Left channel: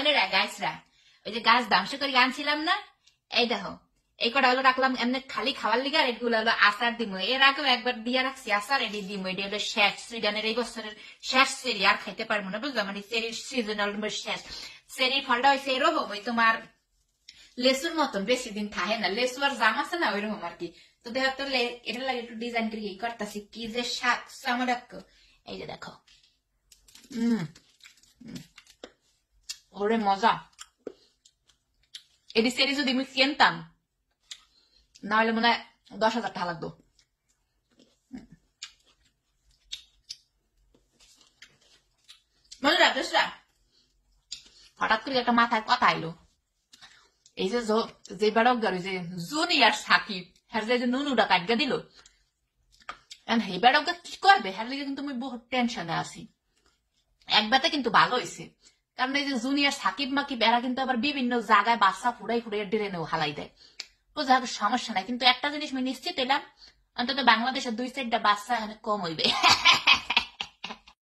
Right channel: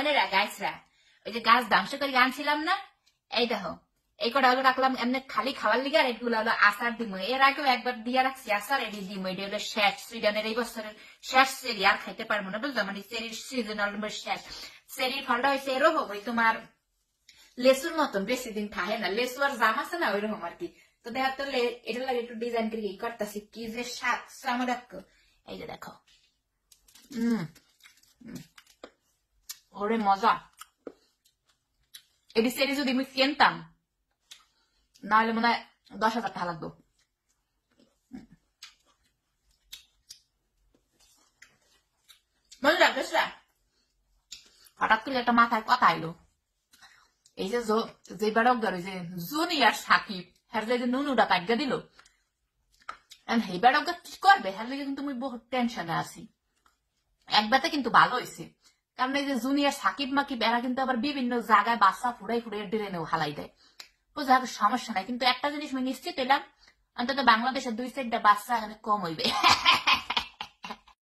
মনে রা গাছরা ওই যে গাছ ধ্বংস করে আনছিলাম না, এই দেখো এই কটা হলো রাখলাম এমনি খালি খাওয়ার লিগে, আর এগুলো হলো আচার দিমো। এর আগেও একবার দিয়ে রাখছি আচার, এটি দিমো। এটি হলো শেষ সুইডেনের এই বছরের শেষ চেরি, আর খাইতে পারবো না বুঝলো, মানে চেরির সিজনাল শেষ। চেরির ফলটা হয়েছে এরকম ওই তোমার লেসুর মতন, বেশি দিন থাকে না, লেসু আর জাম আছে না ওইরকম আর কি। তো দেখো তো এটা লাগে একটু ডিজাইন করে করতেছি, কি যে স্বাদ আমার। এই যে দেখো ওরে মজা। এটি চেরি যদি আমি কিনতাম না হলে মনে হয় 10,000 টাকা লাগতো। বুঝলা বুঝলা, হঠাৎ করে একটা মাথায় কথা আইলো, এই যে বেড়কদার ওই যে জুনিয়র সাকিব, হ্যাঁ যে নুনুটা কাটগা দিল, এই বেড়কদা কি করবে, হ্যাঁ কিন্তু আমি বহুত টেনশনে আছি। একবারতে কিন্তু ভালো হয়েছে, কারণ এই যে জুনিয়র সাকিব মাকিব এরা কিন্তু আবার বিভিন্ন জায়গায় বাচ্চা ফুড়াই ফুড়াই ড্রেনেও হালাই দেয়, বুঝলা, সমস্যা নাই। কিন্তু একটা জিনিস আমি নিশ্চিত এলাম, অন্তত বাংলাদেশের 2-4টা বাচ্চা এখানে কম হইবে।